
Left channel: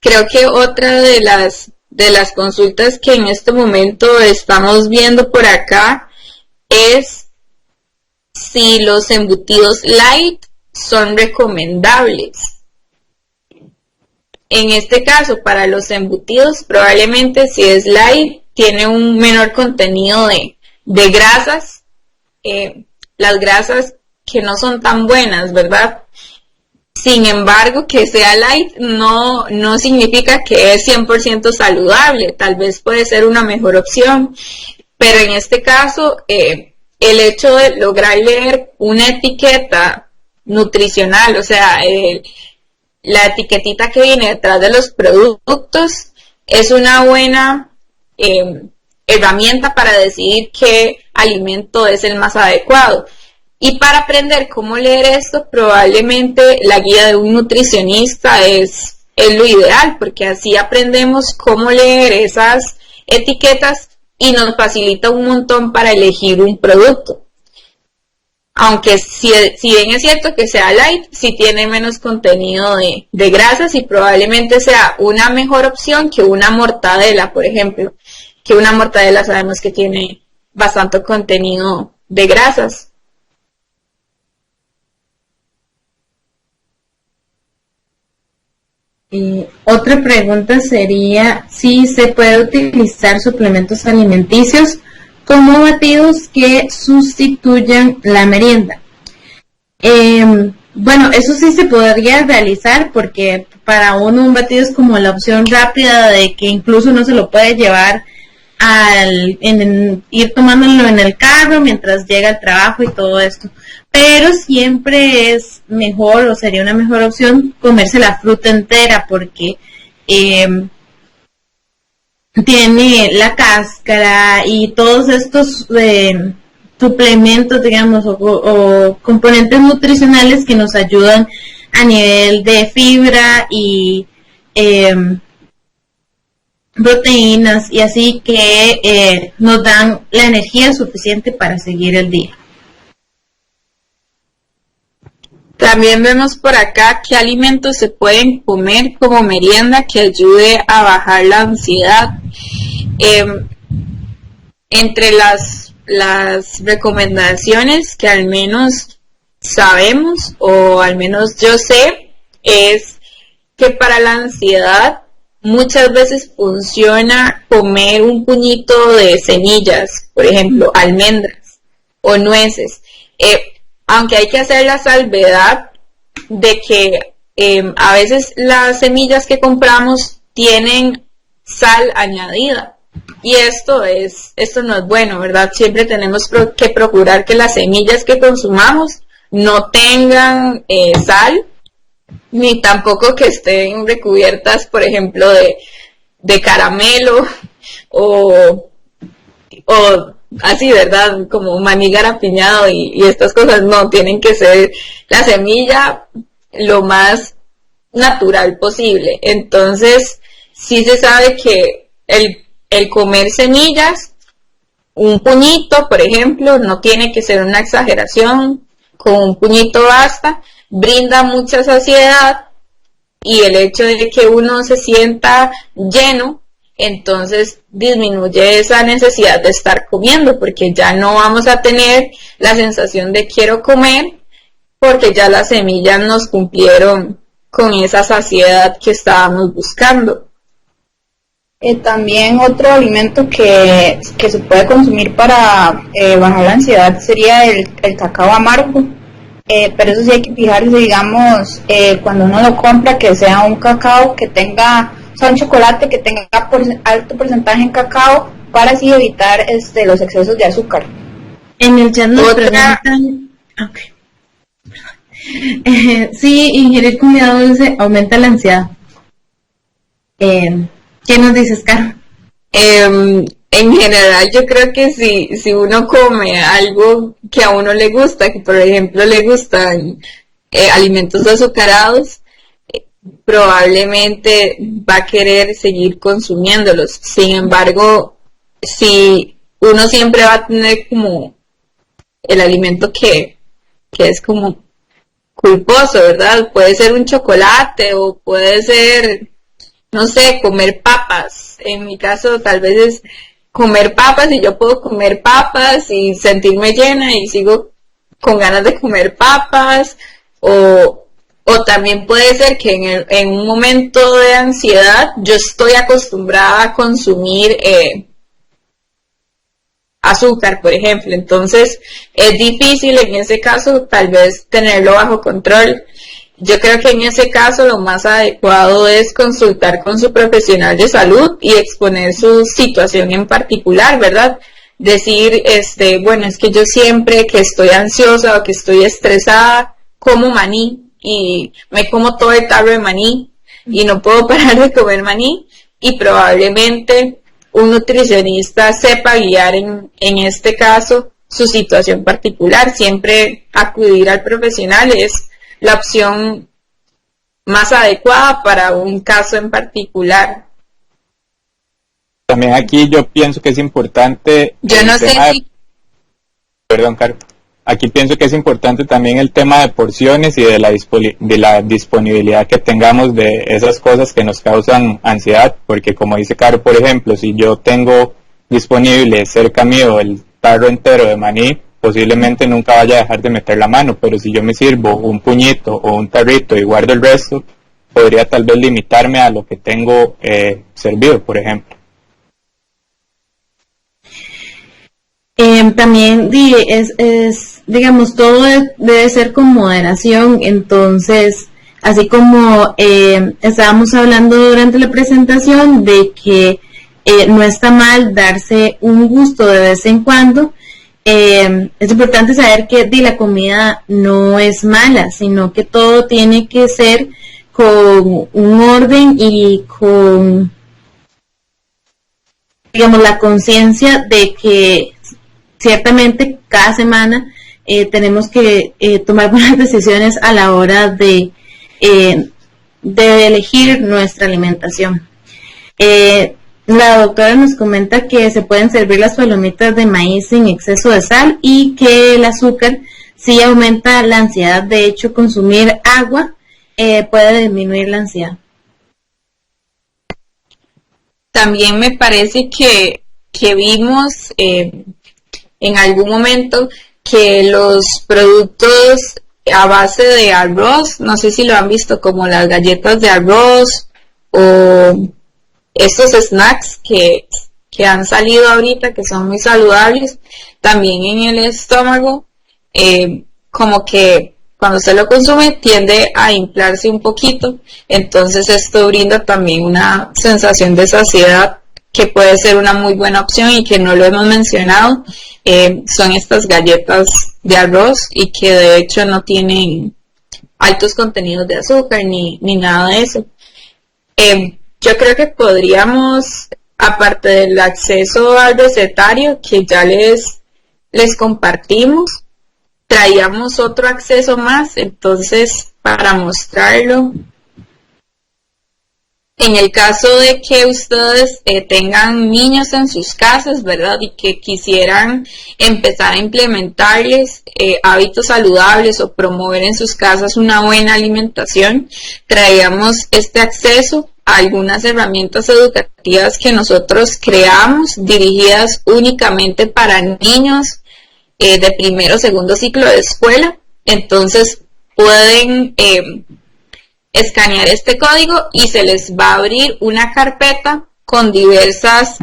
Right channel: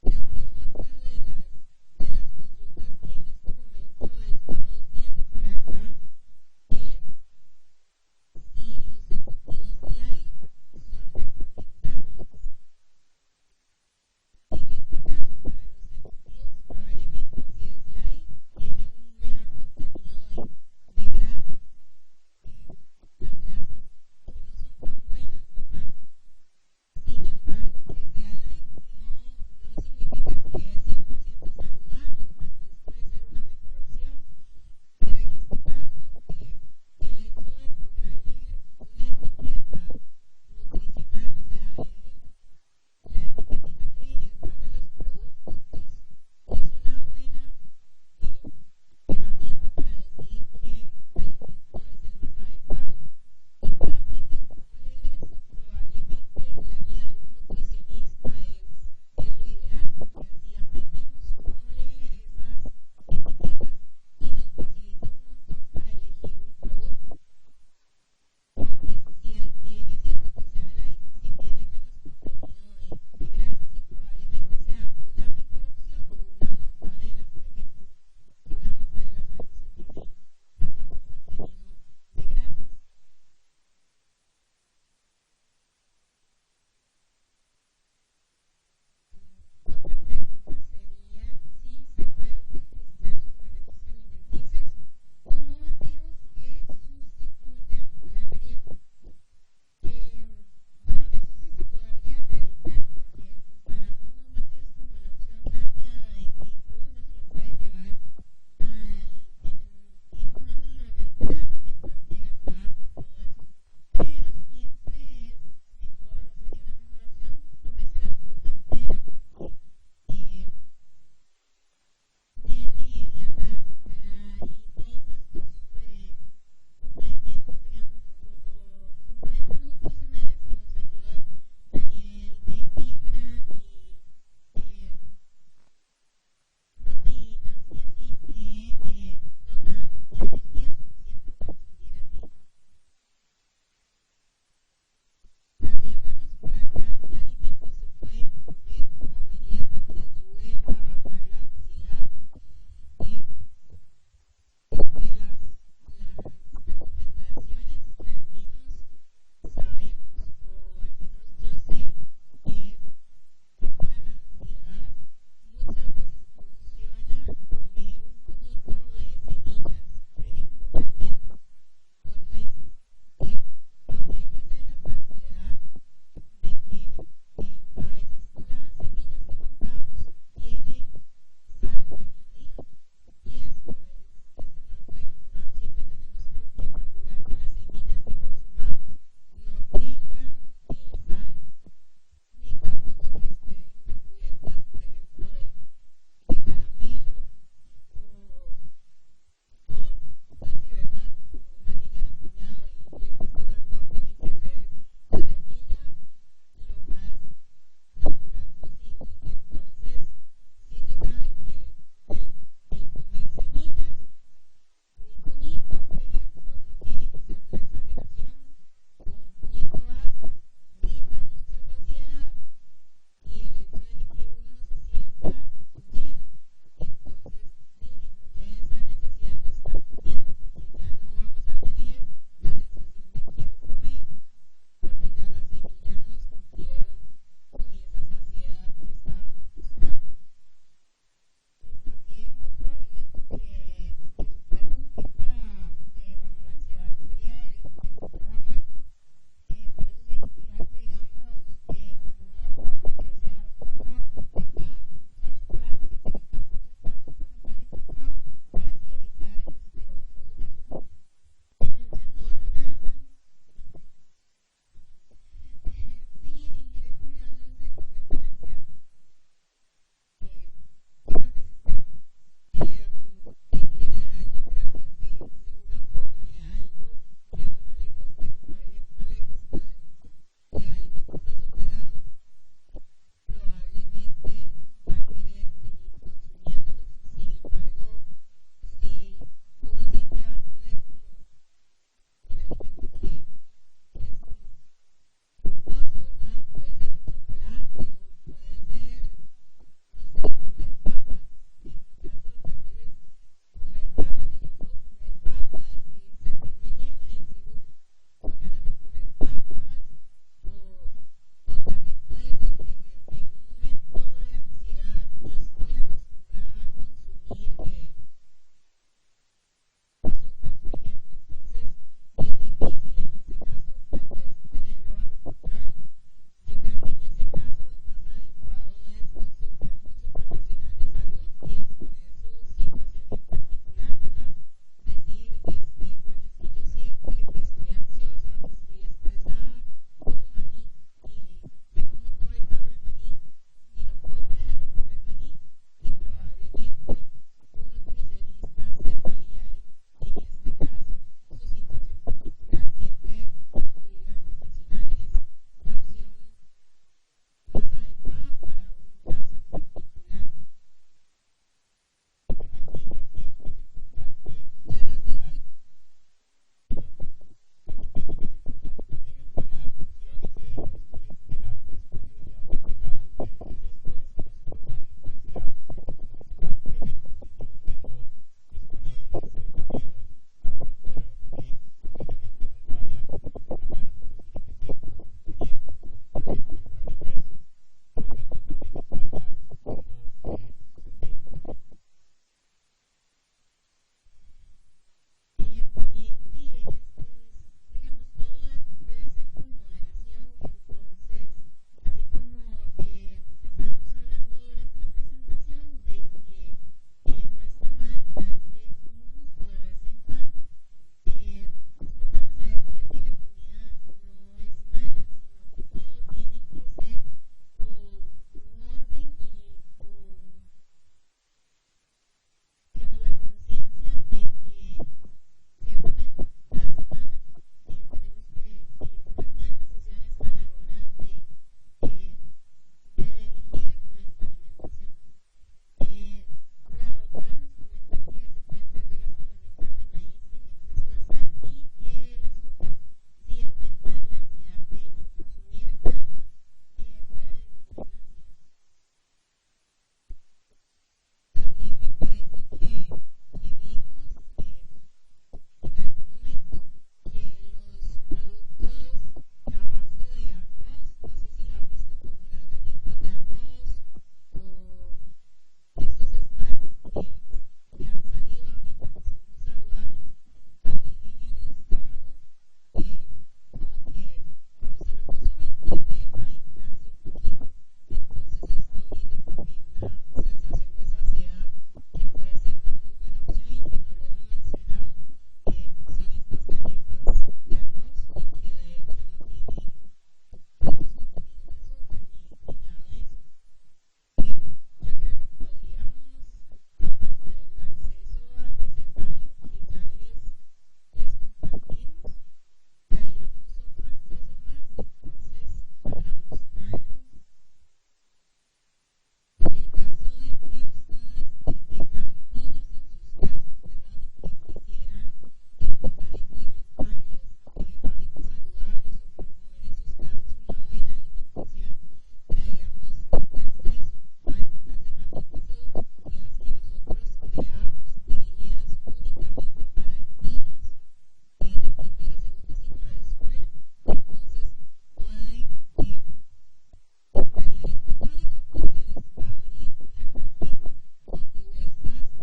Creo que otra de las consultas que en este momento estamos viendo por acá es si los embutidos light son recomendables. En este caso, para los embutidos, probablemente si es light, tiene un menor contenido de grasas, las grasas que no son tan buenas, ¿verdad? Sin embargo, que sea light no significa que es 100% saludable, tal vez puede ser una mejor opción, pero en este caso, el hecho de lograr leer una etiqueta nutricional, o sea, la etiquetita que viene detrás de los productos, es una buena herramienta para decidir qué alimento es el más adecuado. Y para aprender cómo leer esto, probablemente la guía de un nutricionista es lo ideal, porque así aprendemos cómo leer esas etiquetas y nos facilita un montón para elegir un producto. Aunque si bien es cierto que sea light, sí tiene menos contenido de grasas y probablemente sea una mejor opción que una mortadela, por ejemplo, que una mortadela sabemos que tiene bastante contenido de grasas. Otra pregunta sería si se puede utilizar suplementos alimenticios como batidos que sustituyan la merienda. Bueno, eso sí se podría realizar, porque para uno un batido es como la opción rápida de que incluso uno se lo puede llevar ir tomándolo en el carro mientras llega al trabajo y todo esto. Pero siempre es mejor, o sería una mejor opción, comerse la fruta entera, porque tiene la cáscara y todos estos suplementos, digamos, o componentes nutricionales que nos ayudan a nivel de fibra y proteínas y así que nos dan la energía suficiente para seguir el día. También vemos por acá qué alimentos se pueden comer como merienda que ayude a bajar la ansiedad. Entre las recomendaciones que al menos sabemos, o al menos yo sé, es que para la ansiedad muchas veces funciona comer un puñito de semillas, por ejemplo, almendras o nueces. Aunque hay que hacer la salvedad de que a veces las semillas que compramos tienen sal añadida, y esto no es bueno, ¿verdad? Siempre tenemos que procurar que las semillas que consumamos no tengan sal, ni tampoco que estén recubiertas, por ejemplo, de caramelo o así, ¿verdad? Como maní garapiñado y estas cosas. No, tienen que ser la semilla lo más natural posible. Entonces, sí se sabe que el comer semillas, un puñito, por ejemplo, no tiene que ser una exageración, con un puñito basta, brinda mucha saciedad, y el hecho de que uno se sienta lleno, entonces disminuye esa necesidad de estar comiendo, porque ya no vamos a tener la sensación de quiero comer, porque ya las semillas nos cumplieron con esa saciedad que estábamos buscando. También otro alimento que se puede consumir para bajar la ansiedad sería el cacao amargo, pero eso sí hay que fijarse, digamos, cuando uno lo compra, que sea un cacao que tenga, o sea, un chocolate que tenga alto porcentaje en cacao, para así evitar los excesos de azúcar. En el chat nos preguntan, sí, ingerir comida dulce aumenta la ansiedad. ¿Qué nos dices, Caro? En general, yo creo que si uno come algo que a uno le gusta, que por ejemplo le gustan alimentos azucarados, probablemente va a querer seguir consumiéndolos. Sin embargo, si uno siempre va a tener como el alimento que es como culposo, ¿verdad? Puede ser un chocolate o puede ser, no sé, comer papas. En mi caso tal vez es comer papas, y yo puedo comer papas y sentirme llena y sigo con ganas de comer papas, o también puede ser que en un momento de ansiedad yo estoy acostumbrada a consumir azúcar, por ejemplo, entonces es difícil en ese caso tal vez tenerlo bajo control. Yo creo que en ese caso lo más adecuado es consultar con su profesional de salud y exponer su situación en particular, ¿verdad? Decir, bueno, es que yo siempre que estoy ansiosa o que estoy estresada, como maní y me como todo el tarro de maní y no puedo parar de comer maní, y probablemente un nutricionista sepa guiar en este caso su situación particular. Siempre acudir al profesional es la opción más adecuada para un caso en particular. También aquí yo pienso que es importante... Yo no sé si... Perdón, Caro. Aquí pienso que es importante también el tema de porciones y de la disponibilidad que tengamos de esas cosas que nos causan ansiedad, porque como dice Caro, por ejemplo, si yo tengo disponible cerca mío el tarro entero de maní, posiblemente nunca vaya a dejar de meter la mano, pero si yo me sirvo un puñito o un tarrito y guardo el resto, podría tal vez limitarme a lo que tengo servido, por ejemplo. También digamos, todo debe ser con moderación. Entonces, así como estábamos hablando durante la presentación de que no está mal darse un gusto de vez en cuando, es importante saber que la comida no es mala, sino que todo tiene que ser con un orden y con, digamos, la conciencia de que ciertamente cada semana tenemos que tomar buenas decisiones a la hora de elegir nuestra alimentación. La doctora nos comenta que se pueden servir las palomitas de maíz sin exceso de sal y que el azúcar sí aumenta la ansiedad. De hecho, consumir agua puede disminuir la ansiedad. También me parece que vimos en algún momento que los productos a base de arroz, no sé si lo han visto, como las galletas de arroz o estos snacks que han salido ahorita, que son muy saludables, también en el estómago, como que cuando se lo consume tiende a inflarse un poquito, entonces esto brinda también una sensación de saciedad que puede ser una muy buena opción y que no lo hemos mencionado. Son estas galletas de arroz y que de hecho no tienen altos contenidos de azúcar ni nada de eso. Yo creo que podríamos, aparte del acceso al recetario que ya les compartimos, traíamos otro acceso más, entonces para mostrarlo. En el caso de que ustedes tengan niños en sus casas, ¿verdad? Y que quisieran empezar a implementarles hábitos saludables o promover en sus casas una buena alimentación, traíamos este acceso a algunas herramientas educativas que nosotros creamos, dirigidas únicamente para niños de primero o segundo ciclo de escuela. Entonces pueden escanear este código y se les va a abrir una carpeta con diversas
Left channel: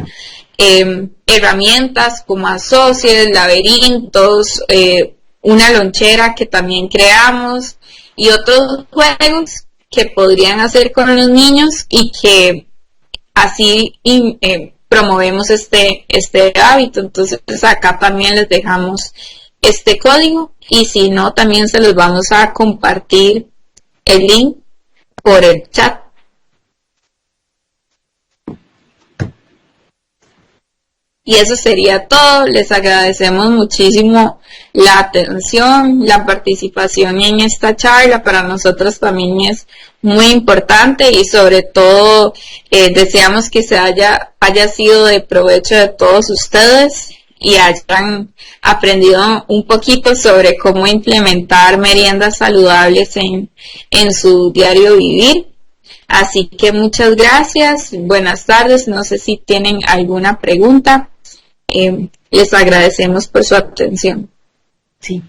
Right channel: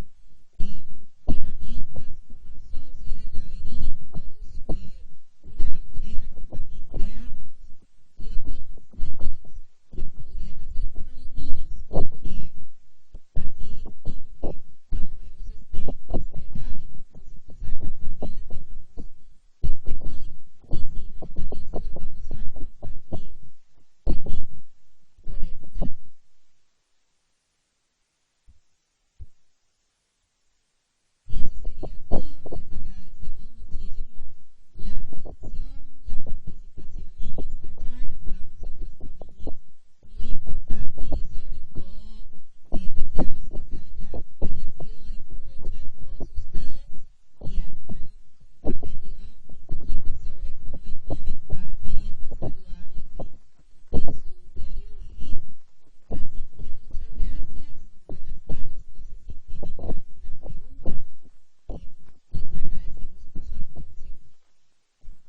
herramientas como Associates, laberintos, una lonchera que también creamos y otros juegos que podrían hacer con los niños y que así promovemos este hábito. Entonces acá también les dejamos este código y si no también se los vamos a compartir el link por el chat. Y eso sería todo. Les agradecemos muchísimo la atención, la participación en esta charla. Para nosotros también es muy importante y sobre todo deseamos que haya sido de provecho de todos ustedes y hayan aprendido un poquito sobre cómo implementar meriendas saludables en su diario vivir. Así que muchas gracias, buenas tardes, no sé si tienen alguna pregunta, les agradecemos por su atención. Sí,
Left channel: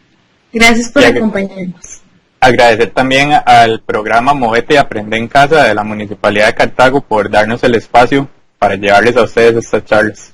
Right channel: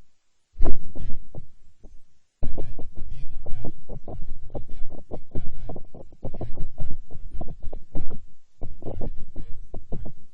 gracias por acompañarnos. Agradecer también al programa Movete y Aprende en Casa de la Municipalidad de Cartago por darnos el espacio para llevarles a ustedes estas charlas.